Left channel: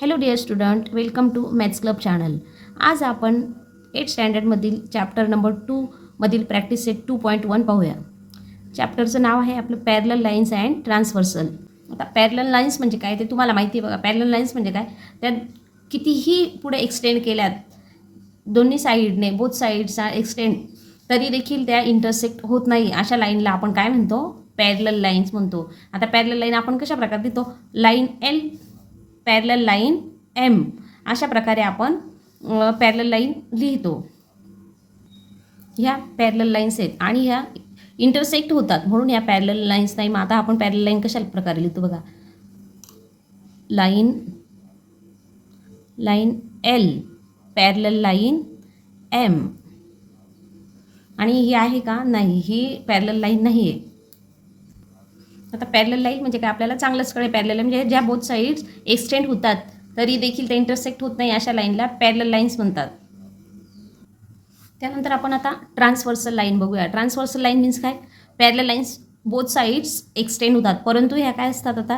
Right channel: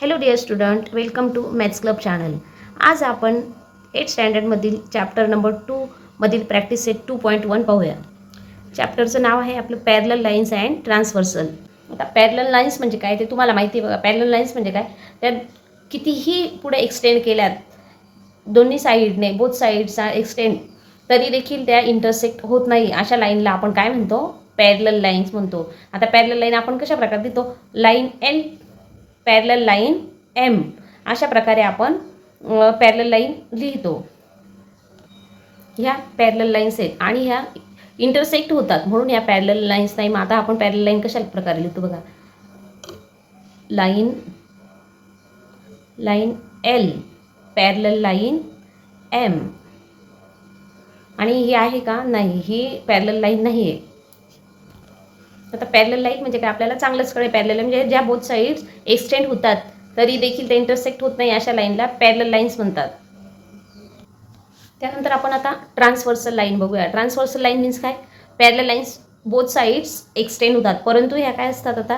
Hello dear student, welcome to maths club channel. आज आपण 8th स्टँडर्डमधील chapter number 2 मधील practice set 2.1 पाहूया. चॅप्टरचं नाव आहे आपलं पॅरलल लाईन्स अँड ट्रान्सव्हर्सल. आता पॅरलल लाईन्स म्हणजे काय ते तुम्हाला माहिती आहे बघा. पॅरलल लाईन्स म्हणजे काय, त्या कितीही पुढे एक्सटेंड केल्यात दोन्ही साईडने, बोथ साईड्स एक्सटेंड, तरी देखील त्या इंटरसेक्ट होत नाही. अशा लाईनला आपण काय म्हणतो, पॅरलल लाईन्स म्हणतो. आता पॅरलल लाईन आपण कशा प्रकारे देतो, line L parallel line M, अशा प्रकारे आपण पॅरलल लाईन लिहितो. ह्या पॅरलल लाईन्स आहेत आणि ह्या इंटरसेक्ट होतात म्हणून ह्या पॅरलल लाईन्स नाही. मग आता आपण पॅरलल लाईन कशा प्रकारे लिहितो बघा. Line L parallel line M, आणि ही आहे का, नाही, ही पॅरलल लाईन नाही आहे. आता पॅरलल लाईन म्हणजे काय आपल्याला चांगलंच कळेल. पॅरलल म्हणजे ज्या बोथ साईड्स एक्सटेंड होतात तरी देखील ते इंटरसेक्ट होत नाही, अशा लाईनला पॅरलल लाईन्स म्हणतात. त्यानंतर आपण आता ट्रान्सव्हर्सल लाईन बघूया. ट्रान्सव्हर्सल लाईन मीन्स काय, parallel lines both sides extend होतात, परंतु ह्या काय असतात, आता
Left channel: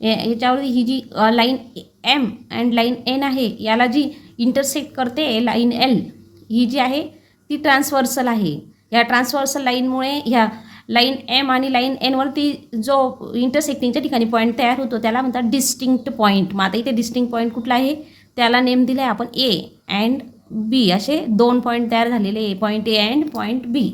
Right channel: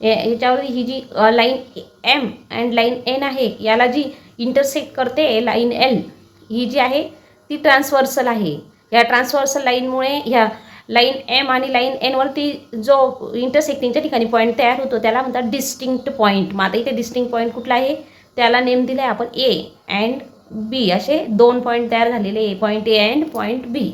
ह्याच्यावर ही जी line M and line N आहे, याला जी इंटरसेक्ट करते लाईन एल, ही जी आहे ती ट्रान्सव्हर्सल आहे. या ट्रान्सव्हर्सल लाईनमुळे ह्या लाईन एम आणि लाईन एनवरती जो इंटरसेक्टिंगच्या ठिकाणी पॉईंट तयार होतो त्याला म्हणतात डिस्टिंक्ट पॉईंट. मग आता इथे डिस्टिंक्ट पॉईंट कुठला आहे, त्याला नेम दिला आहे आपण ए अँड बी, असे दोन पॉईंट तयार झालेले, पॉईंट ए अँड पॉईंट बी.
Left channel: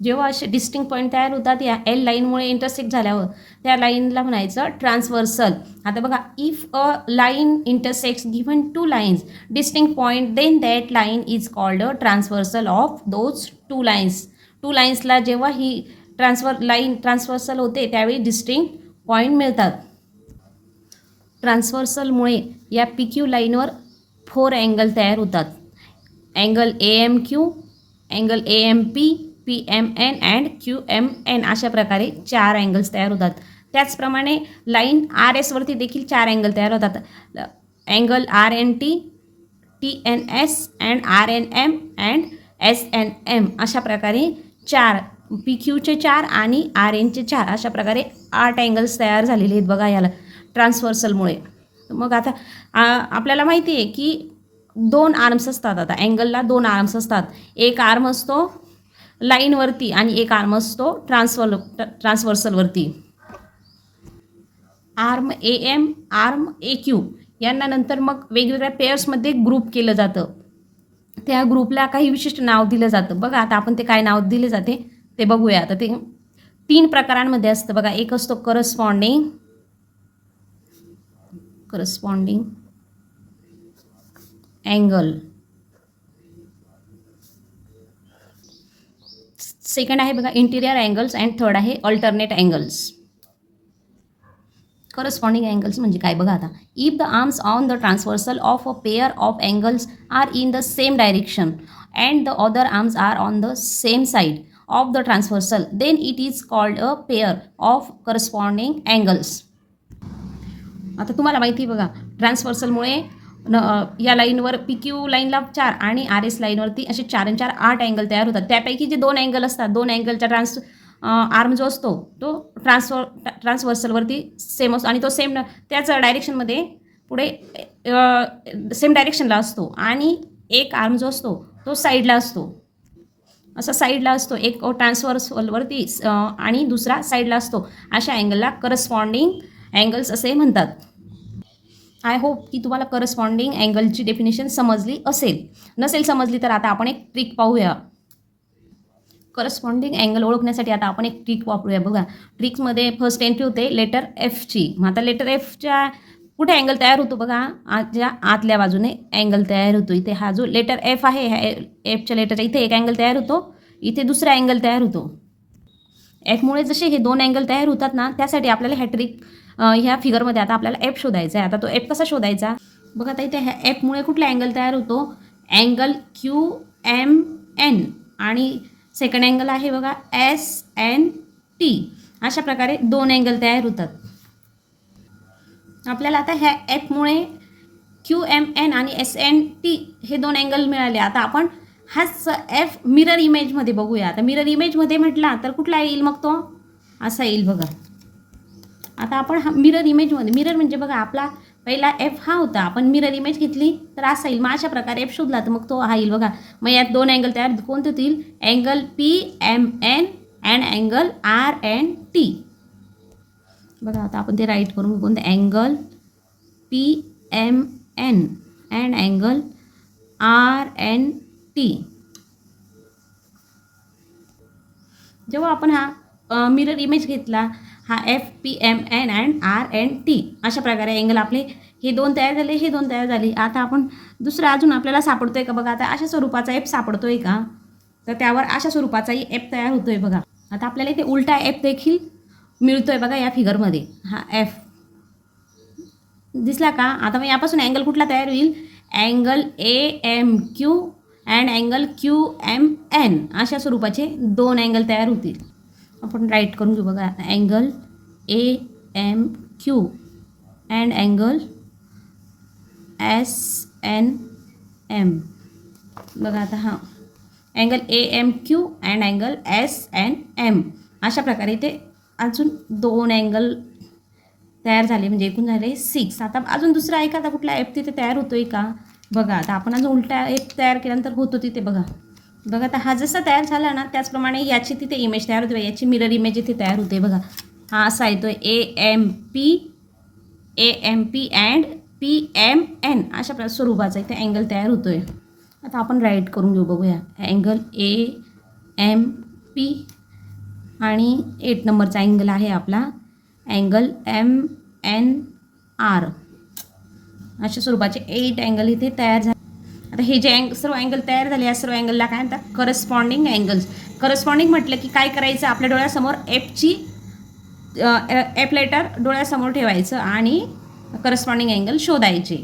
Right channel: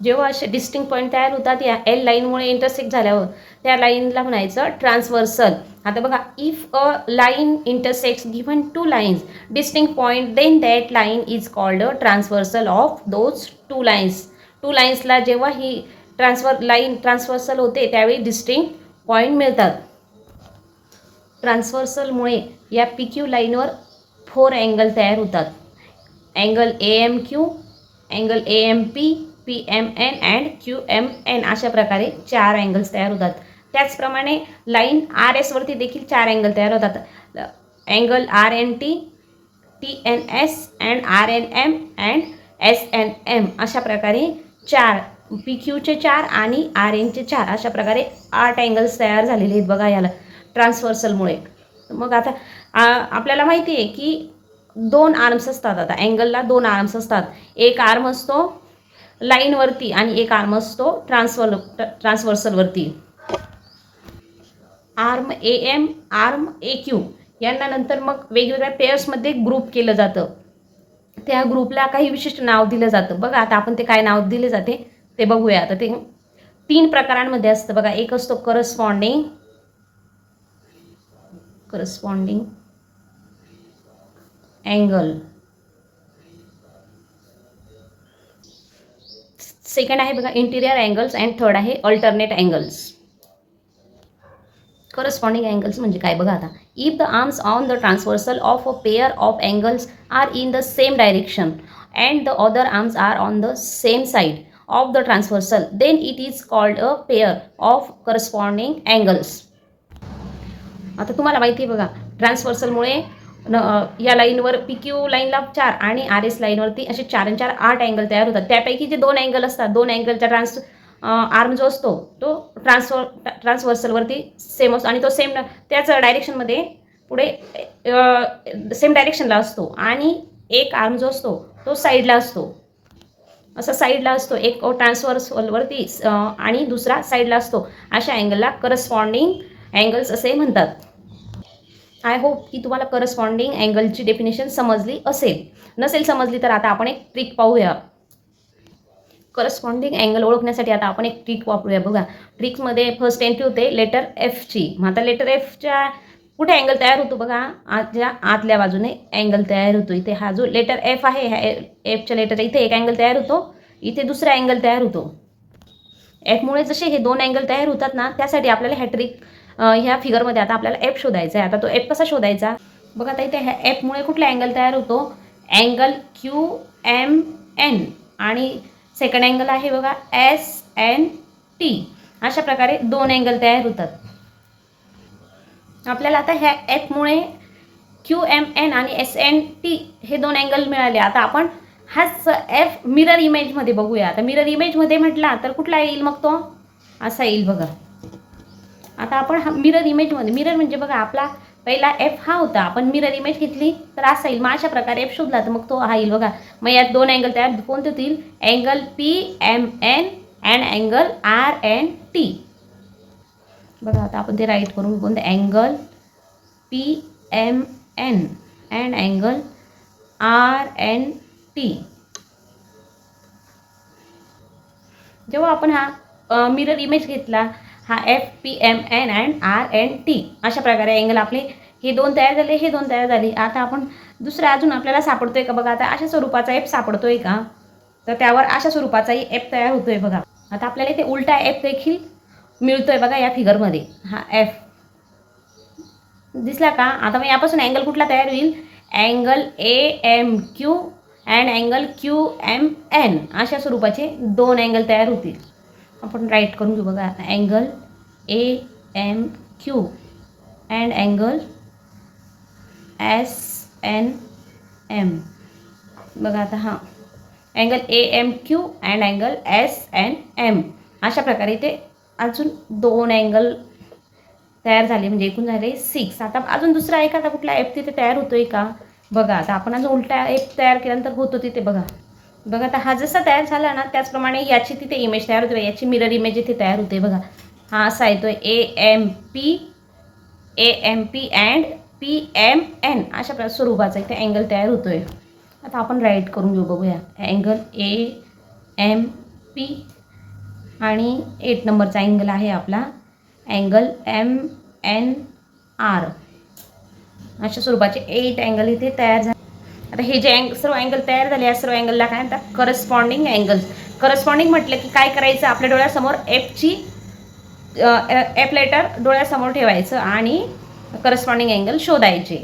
जेव्हा असे डिस्टिंक्ट पॉईंट तयार होतात या एल लाईनमुळे इंटरसेक्ट झाल्यावर त्या लाईनला म्हणायचं ट्रान्सव्हर्सल. आता बघा, if a line intersects given two lines distinct point, then that line is called a transversal of those two lines. Two लाईन्सला जेव्हा ही ट्रान्सव्हर्सल होते त्यावेळी डिस्टिंक्ट पॉईंट मिळतात. ट्रान्सव्हर्सलमुळे या पी क्यू लाईनवर 4 अँगल तयार होतात. Angle A M Q, angle A M P, P M N and Q M N, अशा प्रकारे 4 अँगल्स तयार होतात. त्याचप्रमाणे लाईन आर एसवरती देखील 4 अँगल तयार होतात. Angle R N T, T N S and R N M and S N M, अशा प्रकारे 4 पी क्यूचे 4 आणि आर एनचे 4, अशा प्रकारे 8 अँगल्स तयार झालेले आहेत बघा याला ट्रान्सव्हर्सलमुळे. मग आता आपल्याला माहिती आहे की 2 आर्म्स असतात. आता अँगलला 2 आर्म्स असतात. एक आर्म असतो लाईनवरती आणि एक आर्म असतो ट्रान्सव्हर्सलवरती. Arm A M, arm A Q, यांना नंतर मग वेगवेगळ्या पेयर्समध्ये ग्रुप केलं जातं. त्या ग्रुपला काही विशिष्ट नाव दिलं जातं. बघा आता आपण ते काय नाव दिले जाते ते बघूया. आता ते 3 प्रकारांमध्ये असतं बघा. एक असतो करस्पॉन्डिंग अँगल, सेकंड आहे बघा इंटिरियर अँगल्स, अँड थर्ड आहे अल्टरनेट अँगल्स. करस्पॉन्डिंग अँगल्स म्हणजे काय बघा. आता if the arms on the transversal of a pair of angles are in the same direction and the other arms are on the same side of the transversal, then it is called a pair of corresponding angles. आता तुम्हाला माहिती आहे बघा, ट्रान्सव्हर्सलमुळे या लाईनवर P Q लाईनला 4 आणि R S लाईनवरती असे 4 आणि 4 8 अँगल तयार होतात. त्यापैकी जे 2 अँगल असतात, 2 अँगलचा आर्म जो असतो तो ट्रान्सव्हर्सलवरती सेम असतो आणि तो सेम त्याच डायरेक्शनमध्ये पुढे सेम डायरेक्शनला असतो, आणि एक आर्म जो असतो तो साईडला असतो. असा साईडला असतो, एक ट्रान्सव्हर्सलवरती आणि दुसरा साईडला असतो. अशा अँगलला करस्पॉन्डिंग अँगल्स असे म्हणतात. आय होप की तुम्हाला करस्पॉन्डिंग अँगलची डेफिनेशन समजली असेल. नसेल समजली तर आता आपण एक ट्रिक पाहूया. करस्पॉन्डिंग अँगल ओळखण्यासाठी आता आपण एक ट्रिक वापरूया बघा. ट्रिकमध्ये फर्स्ट एंट्री होते लेटर एफची. मग आता लेटर एफच्या कुठे अँगल तयार होतो बघा, ज्या आतल्या बाजूने अँगल तयार होतो. इथे हा जो लेटर एफ आहे, ह्या एफच्या लेटर इथे एक अँगल तयार होतो, इथे दुसरा अँगल तयार होतो. एफमुळे जसे हे 2 अँगल तयार होतात ना, त्यासाठी आपल्याला ह्या ट्रिक ह्या फिगरमध्ये आता आपल्याला एफ शोधायचा आहे. आता तो एफ कसा शोधायचा बघा. आता इथे ह्या एफमुळे कुठला अँगल तयार होतो, अँगल क्यू एम एन, आणि सेकंड अँगल आहे बघा एस एन टी. अशा प्रकारे 2 अँगल तयार होतात. आपल्याला आता ह्या एफमुळे क्यू एम एन आणि एस एन टी हे 2 अँगल मिळाले. आता आपण हाच एफ मिरर इमेजमध्ये बघूया. आता मिरर इमेजमध्ये म्हटला तर कुठला येईल मग, तो असा येईल बघा. आता आपण हा मिरर इमेजमध्ये, मिरर म्हणजे बघा आपला पहिला एफ हा होता, आपण मिरर इमेज घेतली तर असा येईल. मग अशा प्रकारे एफ शोधला तर मग तो हा येईल बघा. मग यात दोन अँगल तयार कोणते होतील? Angle P M N and angle R N T. बघा आता आपण ते राईट करून कोणते? Angle P M N and angle R N T. जेव्हा आपण हा मिरर इमेज घेतला, हा F P M N and R N T, अशा प्रकारे अँगल आपले हे दोन तयार झाले, हे दोन तयार झाले. आता आपण दुसरा अजून आपल्याला सापडतोय का बघा. आता अशा स्वरूपाचा एफ सापडतोय का, तर त्यावर अशा स्वरूपाचाही एफ तयार होतोय बघा. आता आपल्याला इथे उलटा एफ देखील मिळतोय बघा या फिगरमध्ये. हा एफ दिसला का. आता मग यापासून अँगल कुठला तयार होईल? Angle A M Q and angle Q M N, अशा स्वरूपाचे दोन अँगल तयार होतील. आपण राईट करून घेऊ बघा. Angle A M Q and angle S N M. बघा आता हा angle A M Q and angle S N M, अशा प्रकारे ते अजून दोन अँगल तयार झाले, म्हणजे एकूण झाले 6. आता अजून दुसरा एखादा कुठला एफ तिथे तयार होतोय का बघा. आता आपण अजून उलटा एफ तयार केल्यानंतर होतो तिथे बघा. बघा आता हा जसा तयार झाला ना, त्याचप्रमाणे याची तिथे इमेज तयार होते. याची मिरर इमेज इथे तयार होते बघा. हा असा येतोय A M P and P M N, अशा स्वरूपाचा इथे अँगल तयार होतोय. आता आपण राईट करून घेऊ बघूया. अँगल ए एम पी आणि 8 नंबरचा अँगल आहे आपला अँगल एम एन आर, अशा स्वरूपाचे 8 अँगल इथे तयार झाले. आता हे जे सर्व अँगल तयार झाले, या सर्व अँगलला काय म्हणतात? Corresponding angles. करस्पॉन्डिंग म्हटलं की काय करायचं? आपल्या डोळ्यासमोर एफ लेटर डोळ्यासमोर ठेवायचं आणि करस्पॉन्डिंग अँगल शोधायचे.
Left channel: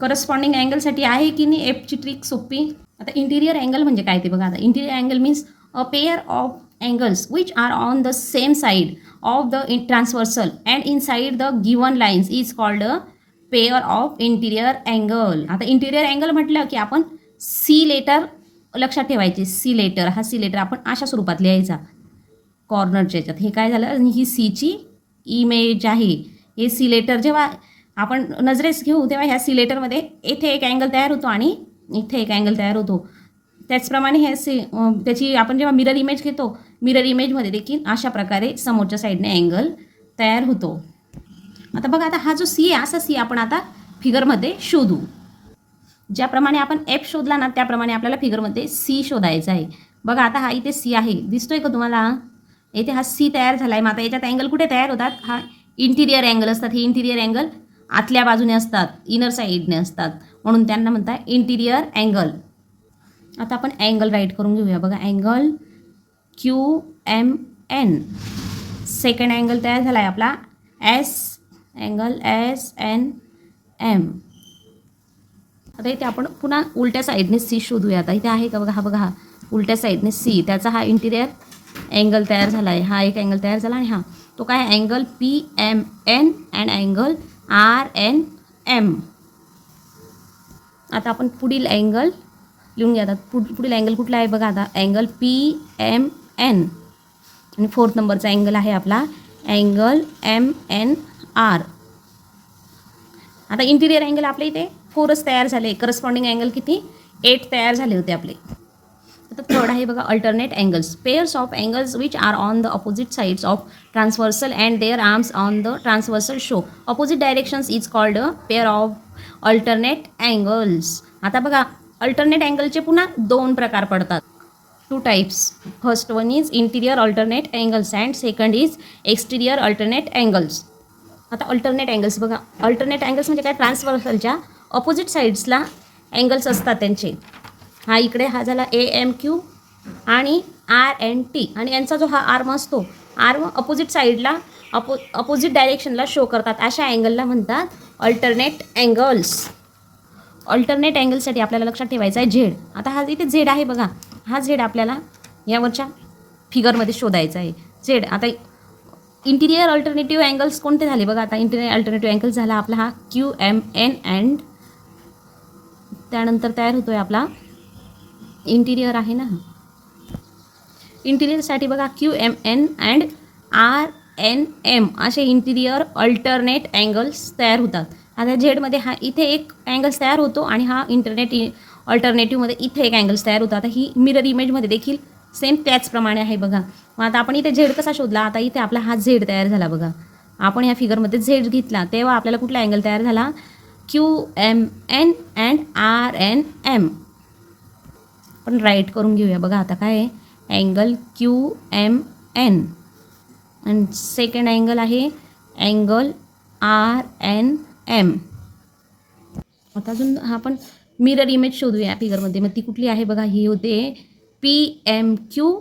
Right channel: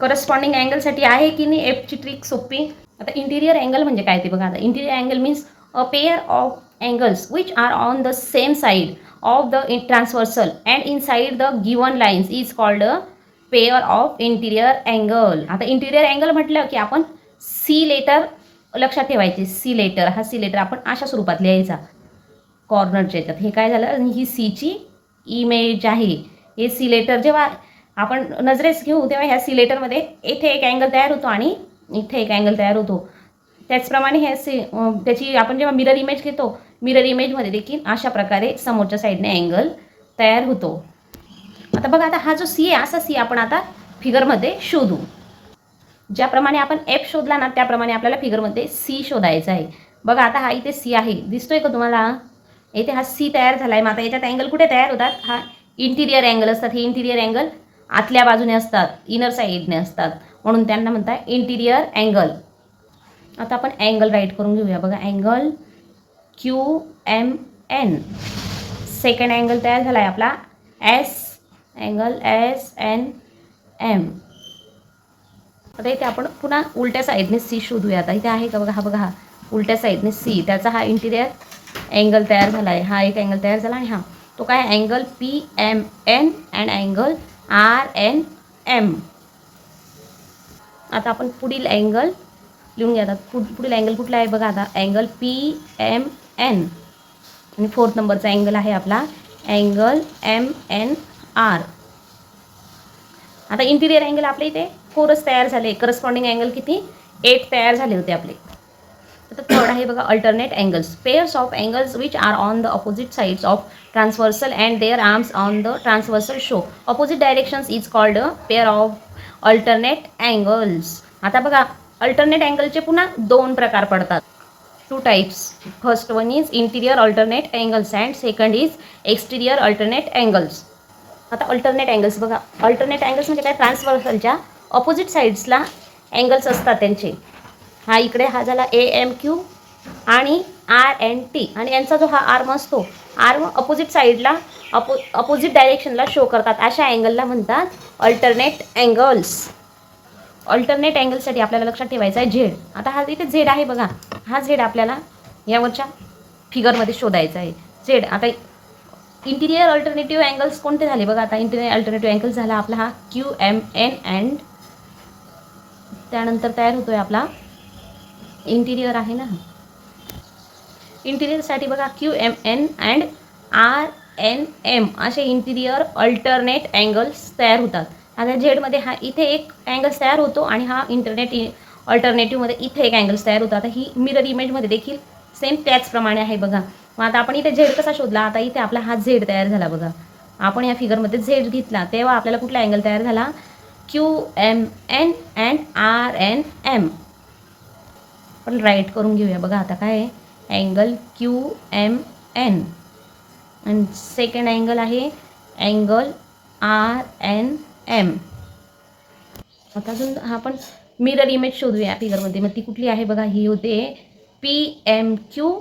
करस्पॉन्डिंग अँगलसाठी आहे की नाही एफची ट्रिक सोपी. आता इंटिरियर अँगल म्हणजे काय ते बघा. आता interior angle means a pair of angles which are on the same side of the transversal and inside the given lines is called a pair of interior angle. आता interior angle म्हटलं की आपण C letter लक्षात ठेवायचे. C letter, हा C letter आपण अशा स्वरूपात लिहायचा कॉर्नरच्या याच्यात. हे काय झालं? ही सीची इमेज आहे. हे सी लेटर जेव्हा आपण नजरेस घेऊ तेव्हा ह्या सी लेटरमध्ये इथे एक अँगल तयार होतो आणि इथे एक अँगल तयार होतो. त्याचप्रमाणे त्याची आपण जेव्हा मिरर इमेज घेतो, मिरर इमेजमध्ये देखील अशा प्रकारे समोरच्या साईडने अँगल तयार होतो. आता बघा, आता हा जो सी आहे, असा सी आपण आता फिगरमध्ये शोधू. ज्याप्रमाणे आपण एफ शोधला ना, त्याप्रमाणे आपल्याला फिगरमध्ये सी शोधायचा आहे. बघा आता हा इथे सी आहे, दिसतोय का तुम्हाला? इथे हा सी तयार झाला आहे. मग आता याच्यात अँगल कुठे तयार होतात? हा इंटिरियर अँगल असतात. हे इंटिरियर अँगल आतल्या बाजूने असतात, इनर साईडने असतात, म्हणून त्यांना म्हणतात इंटिरियर अँगल. आता आपण अँगल राईट करून घेऊया बघा. Angle Q M N, second angle तयार झाला आहे आपला अँगल एस एन एम. आता इथे आपण पुन्हा उलट्या साईडने सी शोधूया. आता इथे आहे का बघा. हा बघा, हा उलट्या साईडने सी, त्याचा हा इंटिरियर अँगल तयार झाला आहे. हा एक अँगल तयार झाला आहे. हा तो काय? Angle P M N and angle R N M. आता आपण पुढील अँगल लिहून घ्या. पुढील अँगल कुठला आहे बघा. आता अँगल पी एम एन आणि 4th नंबरचा अँगल आहे आपला अँगल एम एन आर. आता इंटिरियर अँगल आपले इथे 4च तयार झाले. करस्पॉन्डिंग अँगल किती? 8 तयार झाले होते आपले. आता थर्ड आहे बघा alternate angles. Pairs of angles which are on the opposite sides of transversal and their arms on the transversal show opposite directions is called a pair of alternate angles. आता बघा, अल्टरनेट अँगलचे पुन्हा 2 प्रकार पडतात. 2 types. First one is interior alternate angles and second is exterior alternate angles. आता alternate angles बघा. Alternate angles म्हणजे काय? ट्रान्सव्हर्सलच्या ऑपोजिट साईड्सला अँगल्स असतात त्यांचे. हा इकडे हा झाला ए एम क्यू आणि आर एन टी, आणि यांचा जो हा आर्म असतो, आर्म अपोजिट साईडला अपोजिट डायरेक्शनला शो करतात. अशा अँगलला म्हणतात अल्टरनेट अँगल्स. अल्टरनेट अँगलसाठी आपल्याला लक्षात ठेवायचा आहे झेड. आता हा इथे झेड आहे बघा. हा झेड आपल्याला यावरच्या फिगरमध्ये शोधायचा आहे झेड. आता इंटिरियर अल्टरनेटिव्ह अँगल्स कोणते झाले बघा. आता इंटिरियर अल्टरनेटिव्ह अँगल झाला आपला हा क्यू एम एन अँड त्यानंतर तयार होतोय आपला इंटिरियर आहे ना. इंटिरियरसाठी बघा Q M N and R N M असे इंटिरियर अल्टरनेट अँगल्स तयार होतात. आता झेडमध्ये हा इथे एक अँगल्स तयार होतो आणि हा अल्टरनेटिव्हमध्ये इथे एक अँगल्स तयार होतो. आता ही मिरर इमेजमध्ये देखील सेम त्याचप्रमाणे आहे बघा. मग आता आपण इथे झेड कसा शोधला, आता इथे आपला हा झेड तयार झाला बघा. आपण या फिगरमध्ये झेड घेतला तेव्हा आपल्याला कुठला अँगल तयार झाला, QMN अँड RNM. आपण राईट करून घेऊया बघा. आता काय आहे, अँगल QMN आणि सेकंड अँगल आहे अँगल RNM. आता अजून आपण मिरर इमेज शोधूया फिगरमध्ये. मग ती कुठली आहे बघा, ही होते PMQ.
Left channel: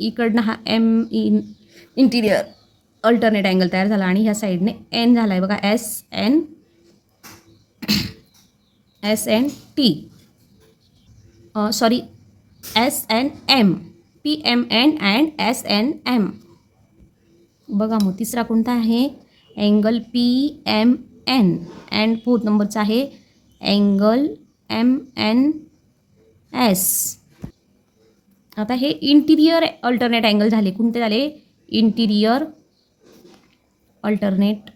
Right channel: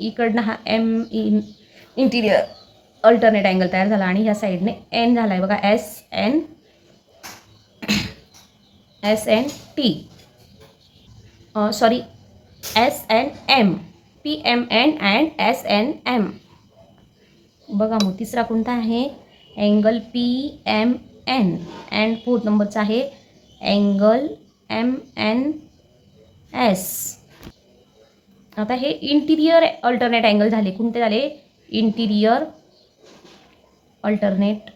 इकडनं हा इंटिरियर अल्टरनेट अँगल तयार झाला आणि ह्या साईडने N झाला आहे बघा, SNT. Sorry, SNM. PMN and SNM. बघा मग तिसरा कोणता आहे, अँगल PMN अँड फोर्थ नंबरचा आहे अँगल MNS. आता हे इंटिरियर अल्टरनेट अँगल झाले. कोणते झाले, इंटिरियर अल्टरनेट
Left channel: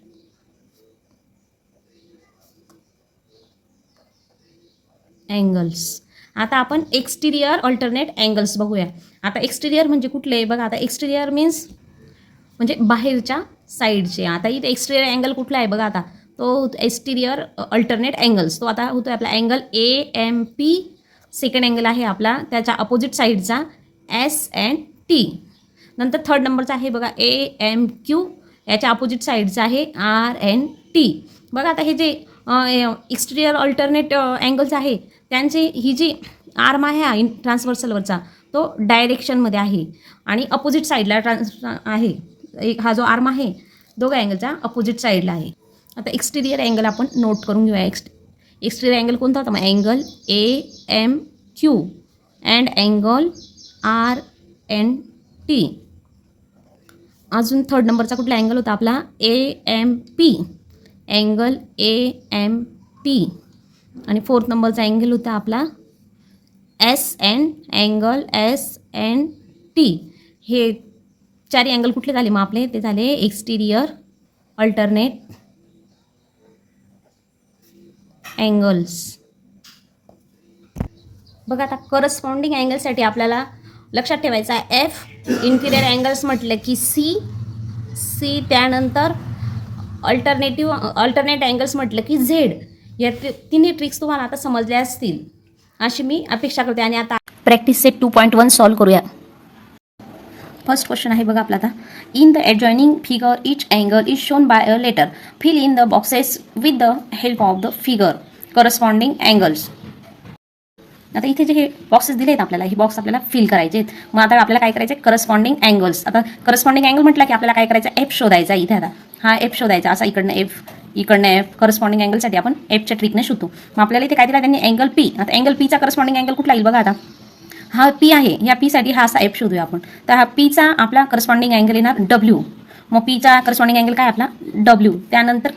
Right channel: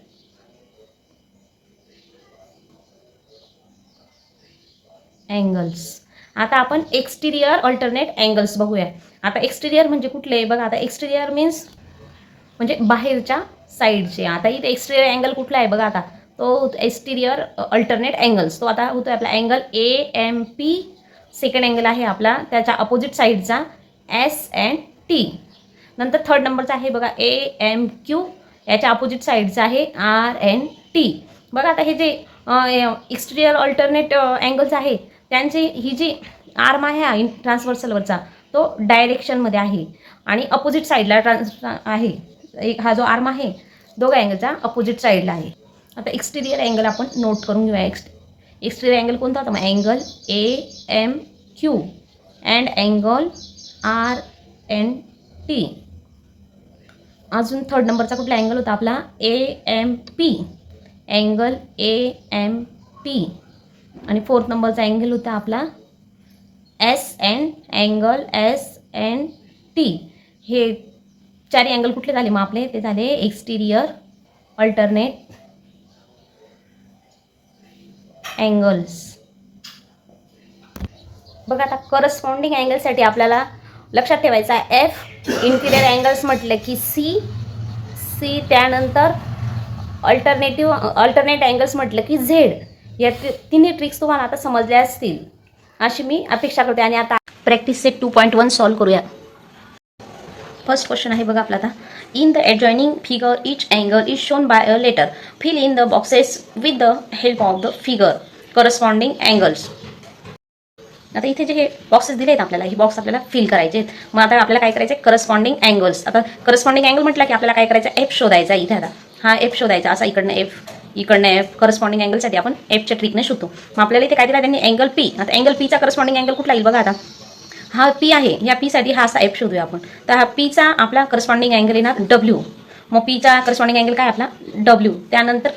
अँगल्स. आता आपण एक्सटिरियर अल्टरनेट अँगल्स बघूया. आता एक्सटिरियर म्हणजे कुठले बघा, आता एक्सटिरियर मीन्स म्हणजे बाहेरच्या साईडचे. आता इथे एक्सटिरियर अँगल कुठला आहे बघा, आता तो एक्सटिरियर अल्टरनेट अँगल्स. तो आता होतो आपला अँगल AMP. सेकंड अँगल आहे आपला त्याच्या अपोजिट साईडचा SNT. नंतर थर्ड नंबरचा आहे बघा AMQ. याच्या अपोजिट साईडचा आहे RNT. बघा आता हे जे एक्सटिरियर अल्टरनेट अँगल्स आहे त्यांची ही जी आर्म आहे ट्रान्सव्हर्सलवरचा तो डायरेक्शनमध्ये आहे आणि अपोजिट साईडला आहे. एक हा जो आर्म आहे दोघा अँगलचा अपोजिट साईडला आहे. आता एक्सटिरियर अँगल आपण नोट करून घेऊया. एक्सटिरियर अँगल कोणता होता, मग angle AMQ and angle RNT. अजून थर्ड नंबरचा कुठला अँगल होता आपला, AMP. अँगल AMP आणि फोर्थ नंबरचा अँगल होता आपला SN. Angle SNT. हे चारही अँगल कुठले झाले मग आपले, ते झाले एक्सटिरियर अल्टरनेट अँगल्स. बघा आता करस्पॉन्डिंग अँगलसाठी आपल्याला लक्षात ठेवायचं आहे इंटिरियर अँगल्स म्हटलं की C. त्यानंतर अल्टरनेट अँगल्स म्हटलं की Z. या तिन्ही ट्रिक्स तुम्हाला आता समजल्या असतील अशी मी अपेक्षा करते. आणि आता प्रॅक्टिस सेट 2.1 सॉल्व करूया. फर्स्ट क्वेश्चन आहे बघा आपला आता, in the adjoining figure each angle is shown by a letter. Fill in the boxes with the help of the figure corresponding angles. आता इथे जे हे बॉक्सेस दिले आहेत आपल्याला, हे बॉक्स आपल्याला फिल करायचे आहेत. मग आता आपल्याला काय करायचं, करस्पॉन्डिंग अँगल्स. आता करस्पॉन्डिंग अँगल म्हटलं की आपल्याला काय करायचं, F शोधायचा. इथे आता हा F शोधायचा, असा इकडनं F इकडनं F. करस्पॉन्डिंग अँगलसाठी आपण Fच्या ट्रिकने शोधतो. मग आपल्याला इथे काय दिला त्यांनी, अँगल P. आता अँगल Pचा करस्पॉन्डिंग अँगल कुठला येईल बघा. आता हा P आहे, ह्या P साठी हा असा F शोधूया आपण. तर हा Pचा आपला करस्पॉन्डिंग अँगल येणार W. मग Pचा करस्पॉन्डिंग अँगल काय आपला W. त्यानंतर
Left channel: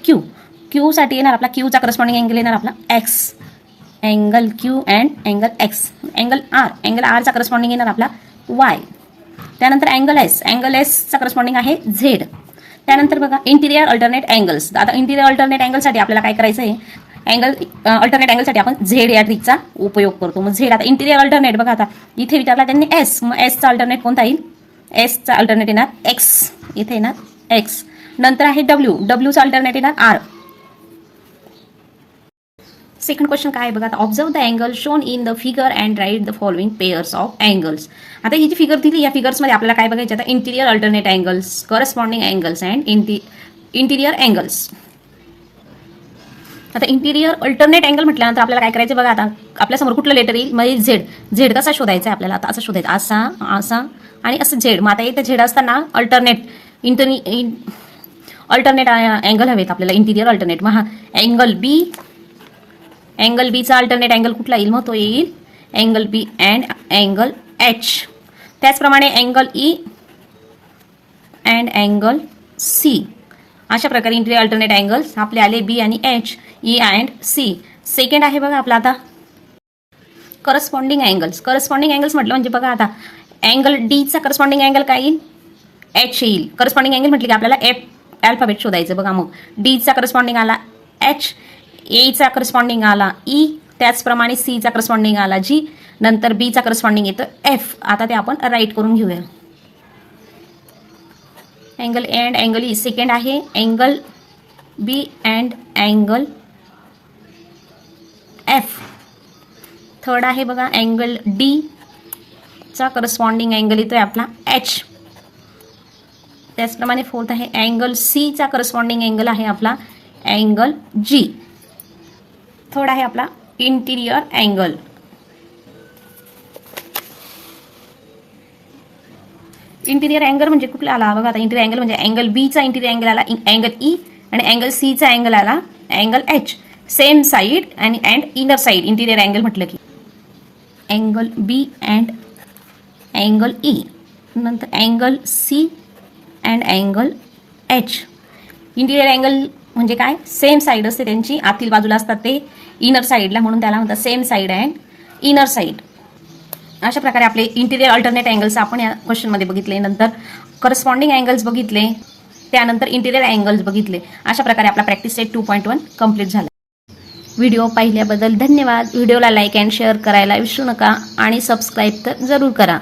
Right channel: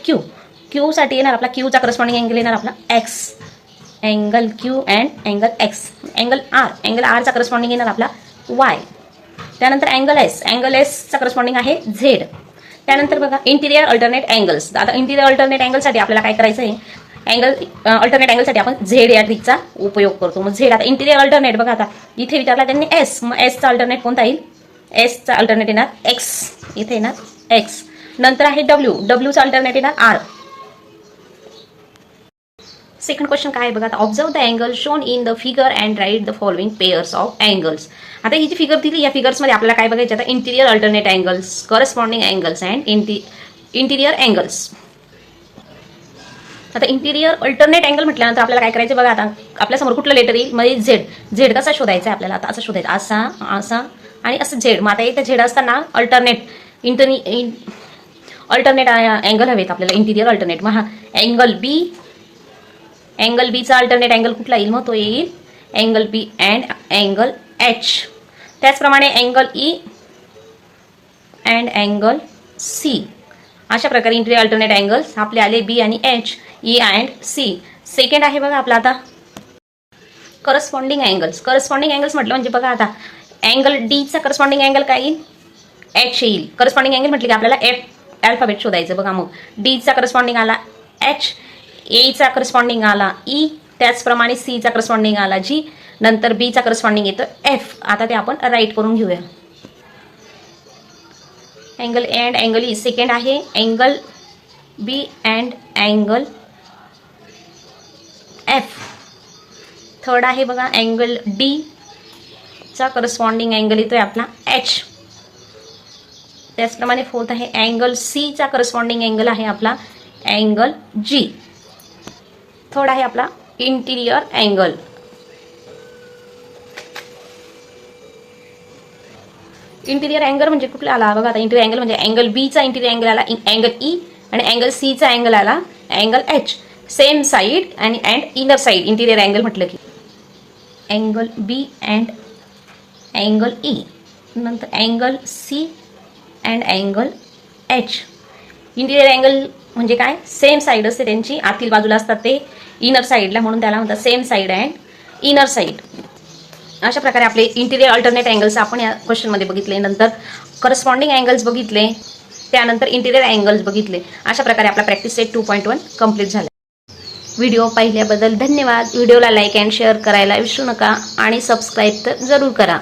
Q साठी येणार आपला, Qचा करस्पॉन्डिंग अँगल येणार आपला X. Angle Q and angle X. Angle Rचा करस्पॉन्डिंग येणार आपला Y. त्यानंतर अँगल Sचा करस्पॉन्डिंग आहे Z. त्यानंतर बघा इंटिरियर अल्टरनेट अँगल्स. आता इंटिरियर अल्टरनेट अँगलसाठी आपल्याला काय करायचं आहे, अल्टरनेट अँगलसाठी आपण Z या ट्रिकचा उपयोग करतो. मग Z आता इंटिरियर अल्टरनेट बघा, आता इथे विचारला त्यांनी S. मग Sचा अल्टरनेट कोणता येईल, Sचा अल्टरनेट येणार X. इथे येणार X. नंतर आहे Wचा अल्टरनेट येणार R. सेकंड क्वेश्चन काय आहे बघा, आता observe the angle shown in the figure and write the following pairs of angles. आता ही जी फिगर दिली या फिगर्समध्ये आपल्याला काय बघायचं, आता interior alternate angles, corresponding angles and interior angles. आता इंटिरियर अल्टरनेट अँगल म्हटल्यानंतर आपल्याला काय करायचं बघा, आता आपल्यासमोर कुठलं लेटर येईल, म्हणजे Z कसा शोधायचा आहे आपल्याला, आता असं शोधायचं, असा आणि असं Z. मग आता इथे Z असताना अल्टरनेट अँगल हवेत आपल्याला, इंटिरियर अल्टरनेट. मग हा अँगल बीचा अल्टरनेट अँगल कुठला येईल, मग तो येईल angle B and angle H. त्याचप्रमाणे angle E and angle C. अशा प्रकारे इंटिरियर अल्टरनेट अँगल्स आपले आले B आणि H, E and C. Second आहे बघा आपला आता करस्पॉन्डिंग अँगल्स. करस्पॉन्डिंग अँगल्स म्हटलं म्हणजे बघा, आता अँगल Dचा करस्पॉन्डिंग अँगल काय येईल, H येईल. करस्पॉन्डिंग अँगल म्हटलं की आपल्याला F अल्फाबेट शोधायचं बघा. मग Dचा करस्पॉन्डिंग आला एच, एचा करस्पॉन्डिंग आला ई, त्याचप्रमाणे सीचा करस्पॉन्डिंग आला जी, नंतर बीचा करस्पॉन्डिंग येतं एफ. आता ते आपण राईट करून घेऊया. Angle A and angle E second आहे, angle B and angle F third आहे बघा, अँगल डी चा करस्पॉन्डिंग अँगल येतोय आपला एच. त्याचप्रमाणे फोर्थ आहे अँगल सी चा करस्पॉन्डिंग अँगल आहे आपला अँगल जी. थर्ड आहे आपला इंटिरियर अँगल. इंटिरियर अँगल म्हणजे कुठला आला बघा आता, इंटिरियर अँगल म्हणजे अँगल बीचा इंटिरियर अँगल आला अँगल ई, आणि अँगल सीचा अँगल आला अँगल एच. सेम साईड आणि इनर साईड इंटिरियर अँगल म्हटलं की angle B and angle E, नंतर angle C and angle H. Interior angle म्हणजे काय, सेम साईड असते त्यांची, आतील बाजूला असतात ते इनर साईडला, म्हणून त्याला म्हणतात same side and inner side. अशा प्रकारे आपले इंटिरियर अल्टरनेट अँगल्स आपण या क्वेश्चनमध्ये बघितले. नंतर करस्पॉन्डिंग अँगल्स बघितले, त्यानंतर इंटिरियर अँगल्स बघितले. अशा प्रकारे आपला प्रॅक्टिस सेट 2.1 कंप्लीट झाला. व्हिडिओ पाहिल्याबद्दल धन्यवाद. व्हिडिओला लाईक अँड शेअर करायला विसरू नका आणि सबस्क्राईब तर जरूर करा.